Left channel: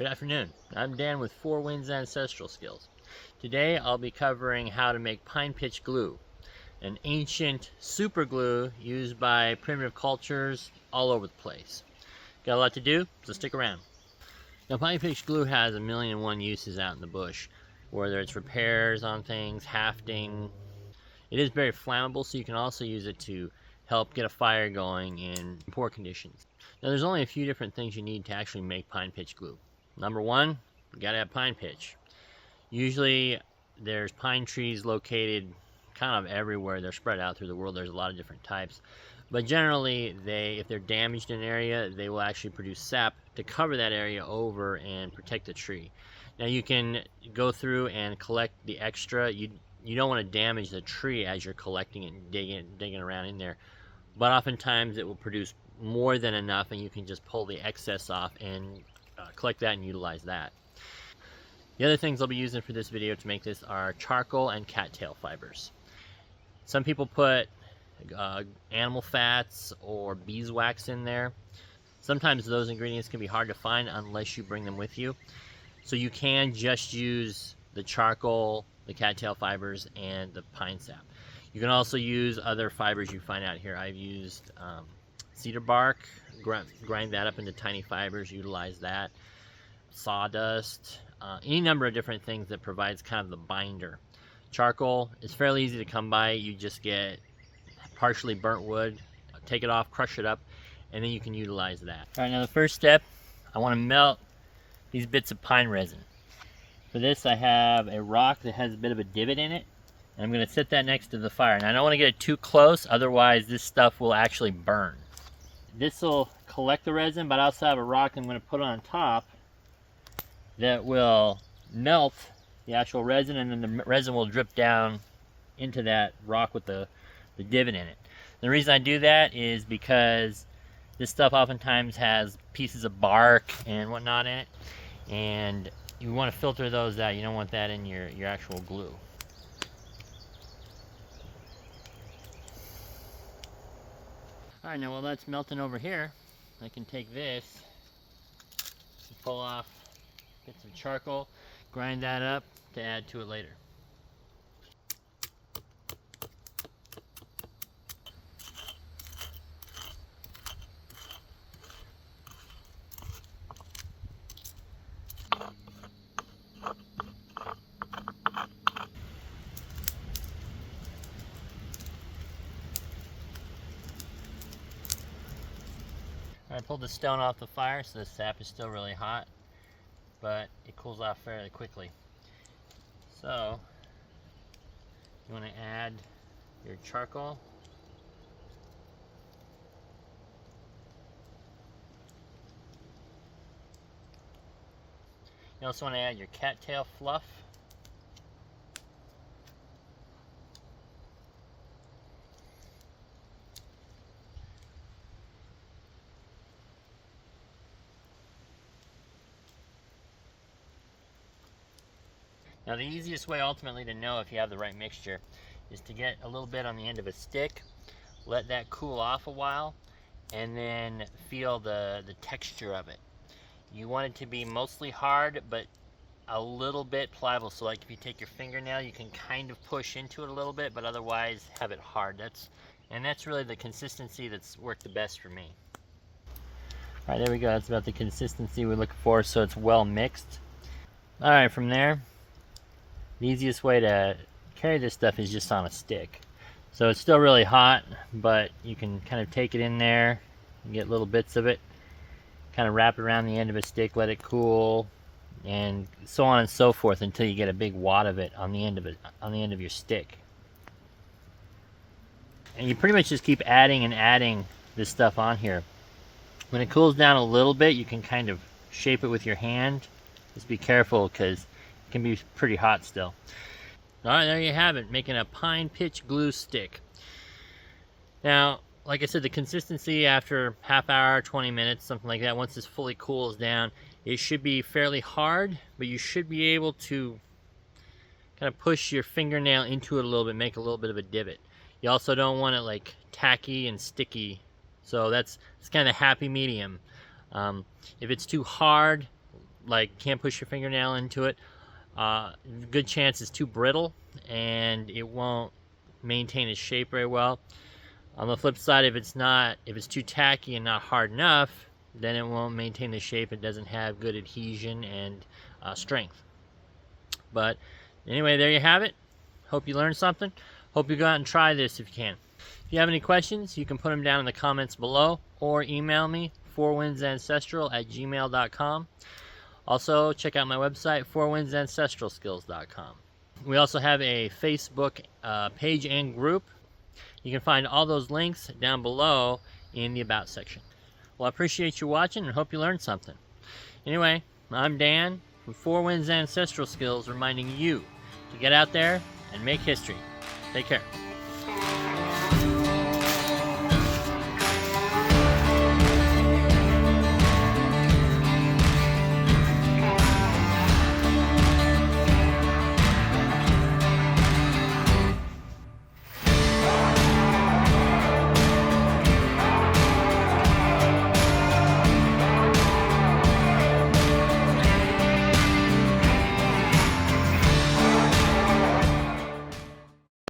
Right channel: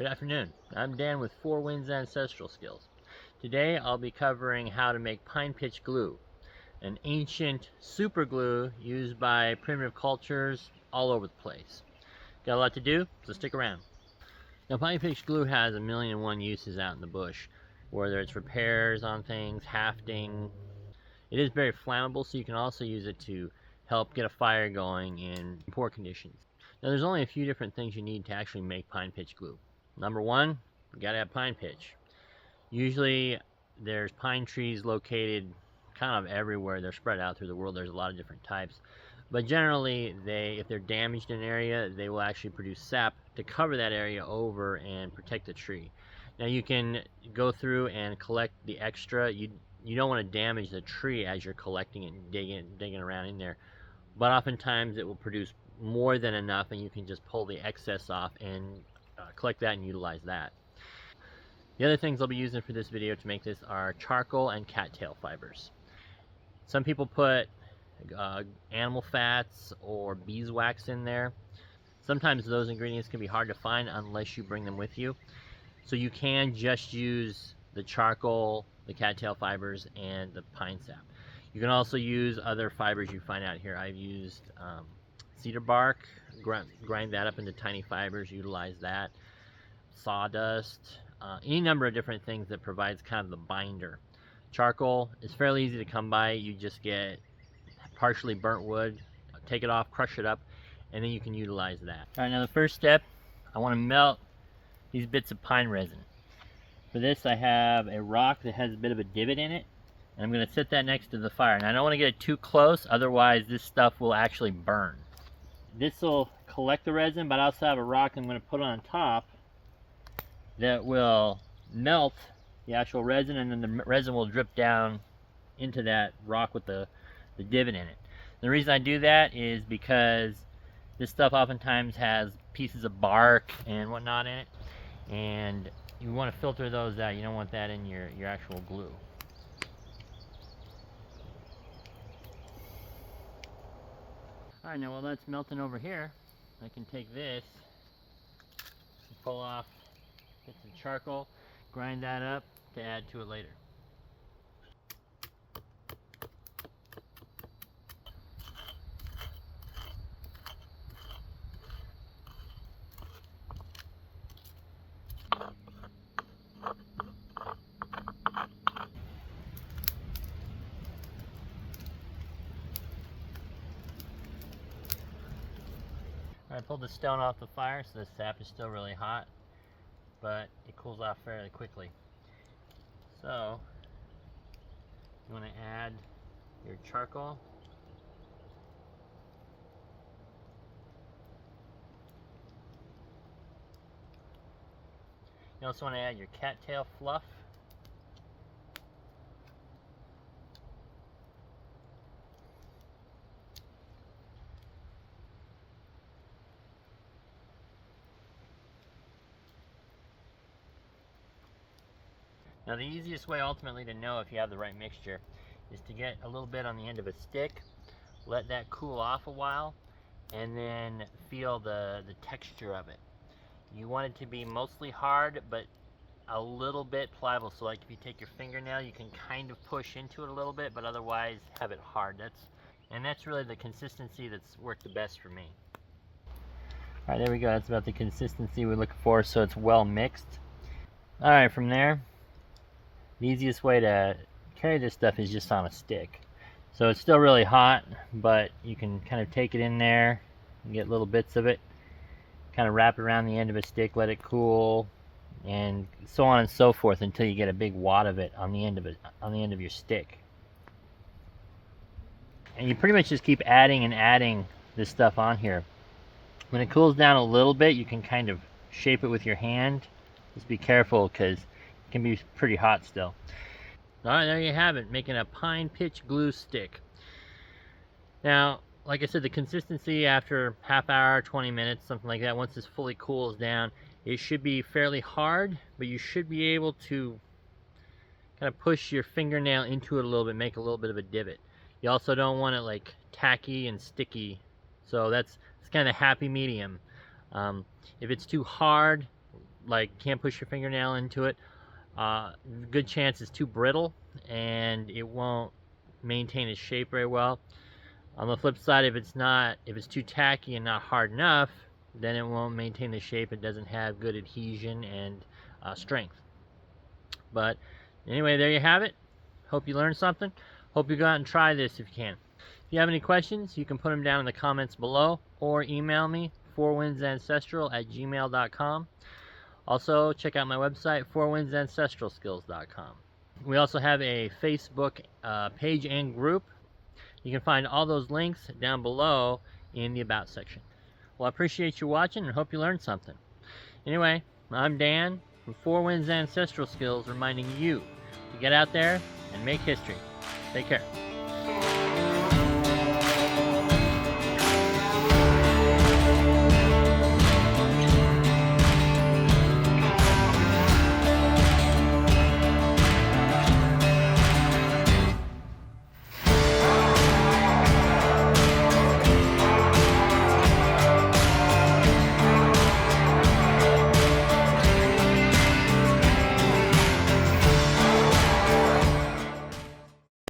Good afternoon. I'm Dan with Four Winds Ancestral Skills. Today I'll be covering how to make pine pitch glue, an ancient super glue used by primitive cultures all over the place. Got a lot to do, so stick around. Now, pine pitch glue has a million and one uses out in the bush, whether it's repairs on things, hafting. It is very flammable, so you can also use it to help get a fire going in poor conditions. Now, there's only a few different things you need to actually make pine pitch glue. Number one, you gotta have pine pitch. Usually there's pine trees located kind of everywhere. They're spread out through the world. There's a lot of different types. But generally, if they're damaged in an area, they will actually produce sap to cover that area over and protect the tree. Now you can go through and collect the extra. You don't want to damage the tree as you're collecting it and digging around in there. But oftentimes it will produce more than enough, and you can just pull the excess off and collect that and utilize that. The other things I'll be using for this video to make this are charcoal and cattail fibers. Some people put animal fats or beeswax in there. Sometimes those ingredients can be hard to find unless you bring them with you. So you can just use the charcoal, the cattail fibers, and the pine sap. You can also use other fibers you find out here. I've used cedar bark, grind that up into tiny fibers, utilize that, sawdust, any number of different things that provides kind of the binder. Charcoal is fairly easy to come by. You just get partially burnt wood, take it off, crush it up, and then you can utilize that. All right, now the first step, I want to melt these bits of pine resin. For this, I have a rock that has a bit of a divot in it, and I'm going to set that next to the fire. Now I don't want to get it too close, otherwise this stuff will actually burn. This will collect the resin, but I also have a rock I'm going to put on top that will melt the actual resin, and then the resin will drip down into that rock with the divot in it. The reason I do that is because this stuff oftentimes has pieces of bark and whatnot in it, and you want to filter those out. You don't want that in your actual glue. Alright, now while that's melting over here, I can take this and pull off bits of charcoal, grind that up to add to it later. I pulled the stone off the fire, so the sap is still really hot, but it cools off fairly quickly. So you want to add your charcoal. You also want to add your cattail fluff. Now the easiest way ultimately to know if you have the right mixture is to get a little bit on the end of a stick, let that cool off a while, and then feel the texture of it. You want it to be mostly hard, but a little bit pliable. So like if you take your fingernail, you can kind of push into it a little bit, but otherwise have it hard. That's really the consistency that's worked the best for me. All right, there we go. That's about the consistency we're looking for, so it's well mixed. All right, from there, the easiest way to carry this stuff is just on a stick. So it's still really hot, but you can kind of take it in there and get little bits of it, kind of wrap it around the end of a stick, let it cool, and so on and so forth until you get a big wad of it on the end of your stick. And you pretty much just keep adding and adding this stuff on here. When it cools down a little bit, you can kind of shape it with your hand. Just be careful because it can be pretty hot still. Alright, there you have it, making a pine pitch glue stick. Now, like I said, the consistency after half hour, 20 minutes, something like that, once this fully cools down, it should be fairly hard, but you should be able to kind of push your fingernail into it a little bit, make a little bit of a divot. You also don't want it like tacky and sticky, so it's kind of happy medium. If it's too hard, like can't push your fingernail into it. Good chance it's too brittle and it won't maintain its shape very well. On the flip side, if it's too tacky and not hard enough, then it won't maintain the shape. It doesn't have good adhesion and strength. But anyway, there you have it. Hope you learned something. Hope you go out and try this if you can. If you have any questions, you can put them down in the comments below or email me, fourwindsancestral@gmail.com. Also, check out my website, fourwindsancestralskills.com. We also have a Facebook page and group. You can find all those links down below in the About section. Well, I appreciate you watching and hope you learned something. Anyway, I'm Dan from Four Winds Ancestral Skills, reminding you to get out there and make history. Take care.